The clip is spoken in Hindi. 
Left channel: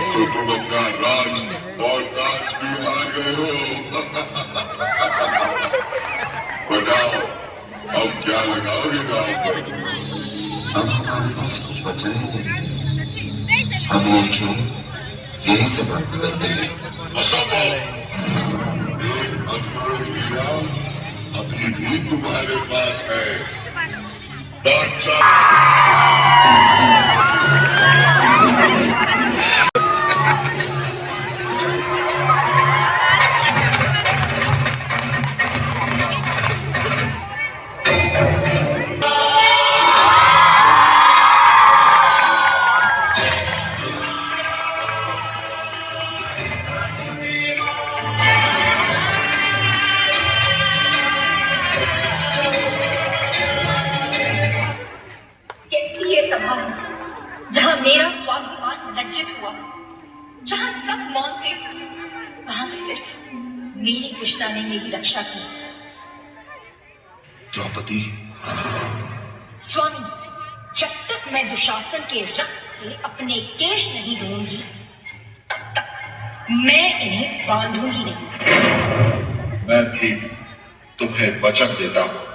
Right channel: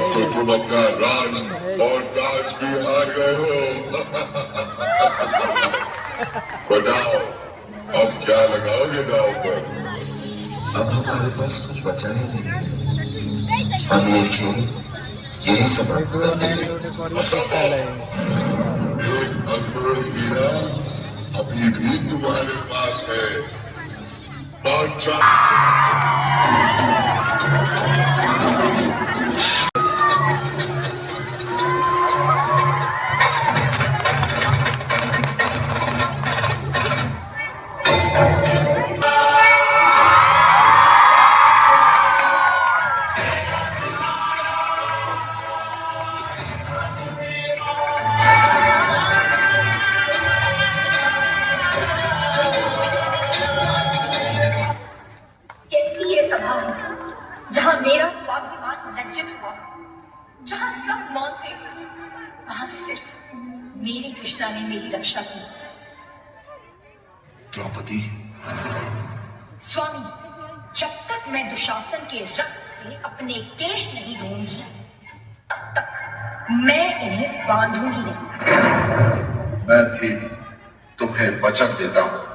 अब तो तुम अपना राज और ताज भी हार गए हो। बताओ अब क्या लगाओगे गांव पर? अब हमारे पास कुछ बचा ही नहीं। हम ये क्यों यही सब बंद कर देंगे। एक अनमोल हीरा अभी भी तुम्हारे पास है। बादशाह जहां मेरा स्वाभिमान लज्जित हुआ, जहां सब मौन थे, वहां सिर्फ मेरी कृष्णा ने मेरी रक्षा की। द्रौपदी, स्वामी, जब तक मैं दुशासन के रक्त से अपने केश नहीं धोऊंगी, तब तक मैं इन्हें बांधूंगी नहीं। मैं भी तुम्हें वचन देता हूं